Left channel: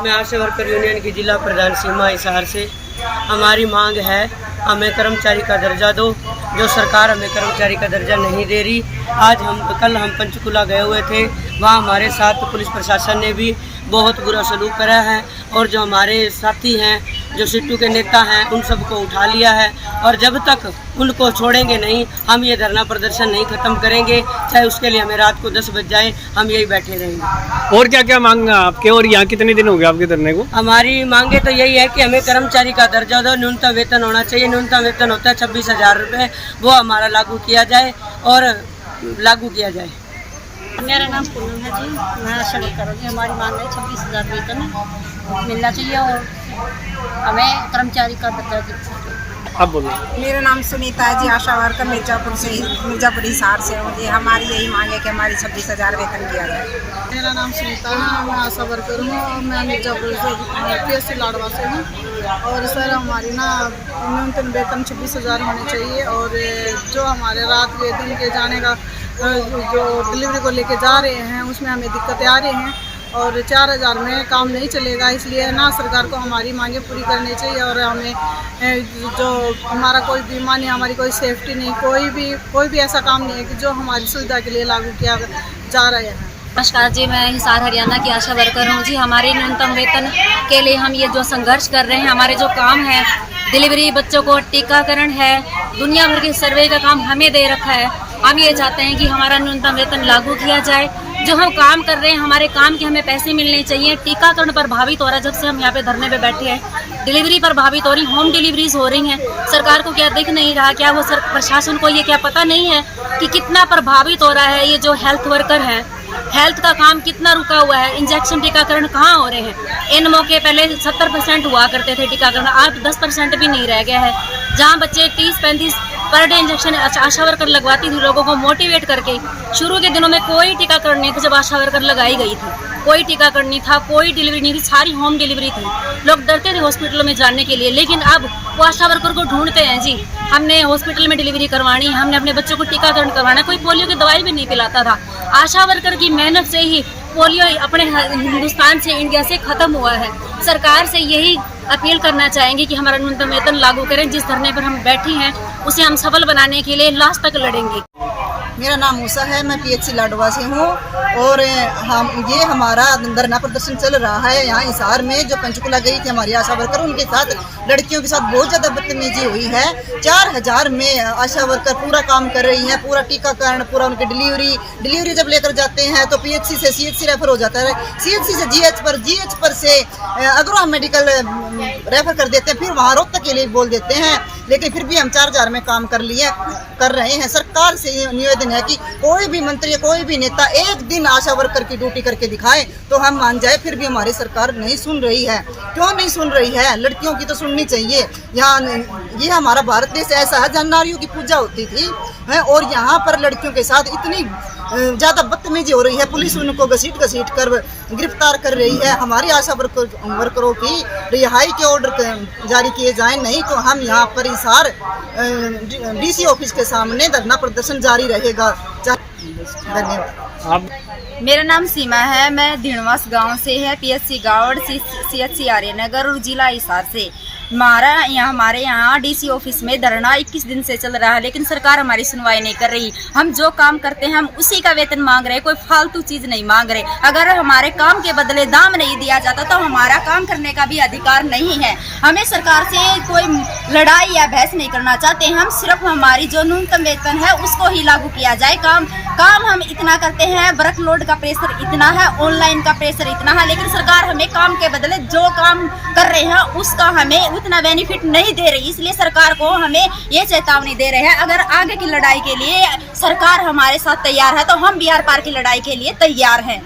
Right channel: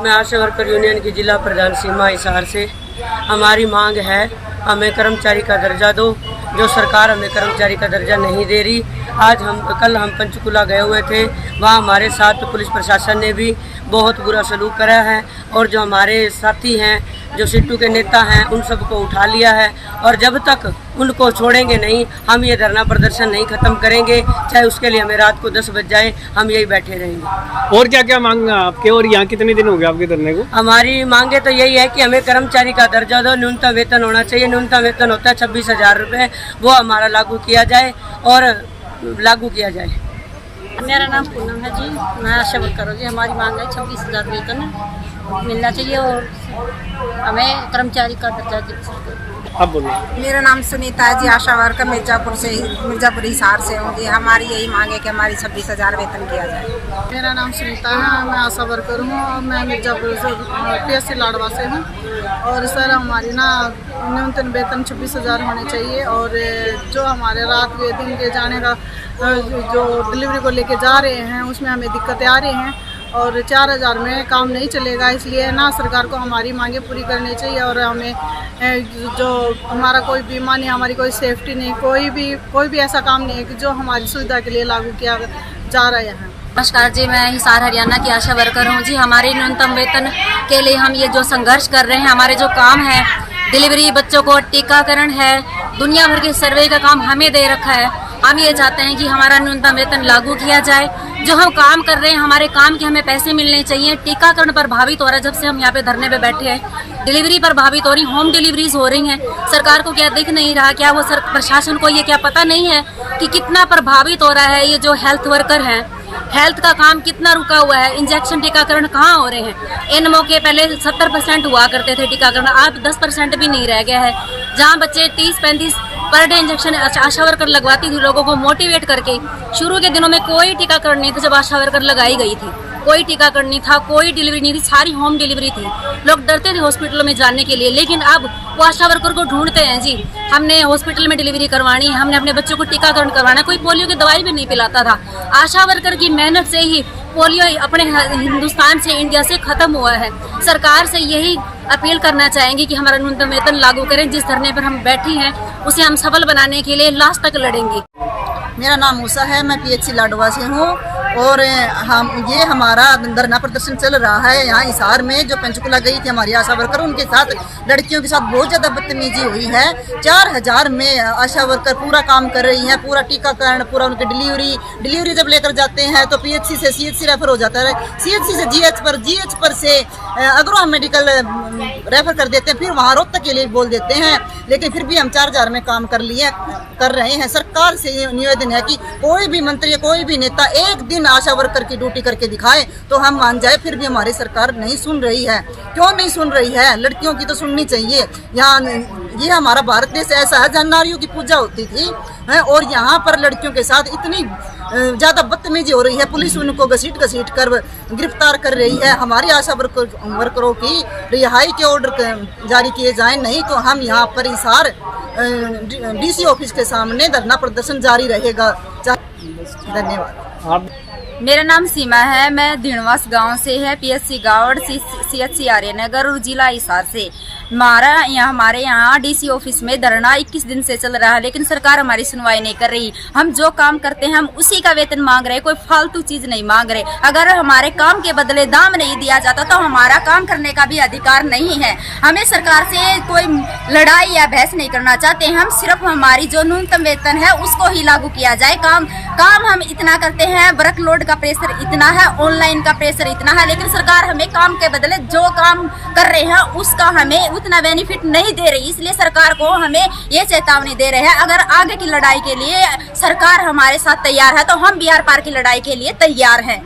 मैं आशा worker union की जिला प्रधान सीमा हिसार से। हमारी मांग है हमें कर्मचारी का दर्जा दो, जो सरकार हमें कर्मचारी का दर्जा नहीं दे रही। कल हम पंचकुला गए हुए थे, वहाँ हमारे साथ पुलिस प्रशासन ने भी बहुत बुरा सलूक करा है और जो हमारे साथी हैं, जो सिट्टू के नेता हैं, उन सबको उठा लिया है और जब तक उनको छोड़ेंगे नहीं हम ये धरना प्रदर्शन नहीं ख़त्म करेंगे, चाहे उसके लिए हमें रात को 10 बज जाए, हम यही बैठे रहेंगे। और क्या क्या मांग आपके, और यहाँ कितने दिन हो गए आपके धरने को? हमारी मांगे तो यही है कि हमें कर्मचारी का दर्जा दो, न्यूनतम वेतन होना चाहिए। न्यूनतम वेतन होता है 26,000 रुपये, वो हमारा लागू किया जाए और लागू किया जाए। मेरा नाम पूनम है जी, मैं आशा वर्कर हूँ जी। हमारी मांग है 26,000 वेतन मिलना चाहिए और हमें कर्मचारी का दर्जा चाहिए। आप बोलो। मेरा नाम सुनीता है जी, आशा वर्कर मिर्जापुर हिसार से हूँ जी। हमारी यही मांग है कि हमारी 26,000 वेतन किया जाए। मेरा नाम सुनीता है, मैं आशा वर्कर हूँ और मैं मिर्जापुर से PSC लाडवा से हूँ। और सर हमारी ना न्यूनतम वेतन 26,000 होने चाहिए और जो हमारे रात के दिन के जाने का जो डिलीवरी को लेके जा रहे हैं उसमें हमें दिक्कतें आ रही हैं और 4,000 में काम नहीं चलेगा। इसलिए ना सरकार को हमारी मांगे पूरी करनी चाहिए और हमें जो हमारा कोई बीमा नहीं, हमारी कोई सेफ्टी नहीं, कोई भी ऐसा काम नहीं है कि जो हमारी सुविधा के लिए लागू किया जा रहा है। नमस्कार जी, मैं हिसार हरियाणा की आशा वर्कर हूँ जी। हमारे न्यूनतम वेतन के लिए हम ये जो संघर्ष कर रहे हैं, हमारे जो काम है डिलीवरी, बच्चों को टीकाकरण है, दुनिया भर के सर्वे का काम हमें दे रखा है। हम ये चाहते हैं कि हमारा न्यूनतम वेतन लागू किया जाए। जो हम काम कर रहे हैं, हमारे काम के हमें पैसे मिलने चाहिए। टीकाकरण प्रभावित हो रहा है, जब से हम यहाँ पे धरने पे बैठे हैं। डिलीवरी प्रभावित हो रही, होम डिलीवरीज हो रही हैं। सरकार को क्या दिख नहीं रहा? क्या वो प्रशासन को ये क्या पता नहीं है कि कितना प्रभावित हो रहा है? ये जो हेल्थ वर्कर हैं, हेल्थ का काम कितना रुका हुआ है। इंजेक्शन टीकाकरण कहाँ हो रहे हैं? इन मौके पहले 70% हुआ करते थे टीकाकरण, आज 10% भी नहीं रह गया है। जहाँ बच्चे 30-35 पर डे इंजेक्शन आशा वर्कर लगवाती थी, लोगों को मोटिवेट करके। शुरू के दिनों में कोई टीकाकरण नहीं था, जब आशा वर्कर लगाई गई थी कोई टीकाकरण नहीं था, कोई डिलीवरी नहीं थी, सारी होम डिलीवरी थी। लोग डरते थे हॉस्पिटलों में जाने के लिए, लेकिन अब वो आशा वर्कर को ढूंढते हैं जी। हमने हॉस्पिटल में डिलीवरी करवानी है, हमने अपने बच्चों को टीकाकरण करवाना है। कोई पोलियो की दवाई भी नहीं पिलाता था। आशा वर्कर की मेहनत से ही पोलियो अपने हिंदुस्तान से, इंडिया से खत्म हुआ है। सरकार से यही अपील करना चाहेंगे कि हमारा न्यूनतम वेतन लागू करें। जिस धरने पर हम बैठी हैं उसे हम सफल बनाने के लिए लास्ट तक लड़ेंगे। मेरा नाम मूसा है, मैं PHC लाडवा से हूँ। और हम ये हमारा धरना प्रदर्शन चल रहा है यहाँ हिसार में। जो पंचकुला गई थी हमारी आशा वर्कर, उनके साथ लड़कियों के साथ बहुत ज़्यादा बदतमीजी हुई है। 4000 में आशा वर्कर पूरा काम कर रही हैं, पूरा टीकाकरण, पूरा उनकी डिलीवरी जब लेकर जाते हैं तो PHC से CHC रेफर हो जाता है, CHC से GH पर से अग्रवाल मेडिकल रेफर कर देते हैं, फिर वहाँ रोहतक के लिए बोल देते हैं। लेकिन फिर भी हम 4000 में काम कर रहे हैं। सरकार से ये निवेदन है कि कोई भी मंत्री, कोई भी नेता एक दिन आशा वर्कर की ड्यूटी करके दिखाए तो हम मान जाए। फिर भी हमारी सरकार नहीं सुन रही है। क्यों नहीं सुन रही है? लड़कियों की तो सुननी चाहिए। यहाँ ये हमारा भारत देश ऐसा है जहाँ नारियों की पूजा होती थी है, और यहाँ पर लड़कियों के साथ इतनी ज़्यादा बदतमीजी हो रही है। पुलिस उनको घसीट कर गिरफ्तार कर रही है। हमारी आशा वर्करों की रिहाई के ऑर्डर जारी किए जाएं, नहीं तो हम यहाँ पर हिसार DC ऑफिस के सामने धरना प्रदर्शन जारी रहेगा। धन्यवाद। आप मेरा नाम सीमा है, मैं धिणवास गांव से है, PSC गावड़, CHC आर्यनगर और जिला हिसार से। हमारे यहाँ DC ऑफिस में धरना 21 दिन से चल रहा है, लेकिन सरकार हमारी सुनवाई नहीं कर रही। हम जो काम करते हैं हम उसी का वेतन मांग रहे हैं, कोई फालतू चीज नहीं मांग रहे। अगर हमारे काम के बदले दाम नहीं दिया जाता तो हमारा काम करने का भी अधिकार नहीं है। हमें सरकार से कोई लड़ाई या बहस नहीं करना चाहते हैं, हम सिर्फ हमारी जो न्यूनतम वेतन है उसको ही लागू किया जाए। काम हम इतना करते हैं, वर्कलोड का प्रेशर इतना है, ऑनलाइन का प्रेशर इतना है, लेकिन सरकार हमें काम के बदले जो काम कर रहे हैं उसका हमें उतना बेनिफिट नहीं दे रही। इसलिए सरकार को हमें ये चेतावनी दे रहे हैं, अगर आगे की लड़ाई के लिए सरकार हमारे साथ तैयार है तो हम बिहार पार की लड़ाई के लिए तैयार हैं।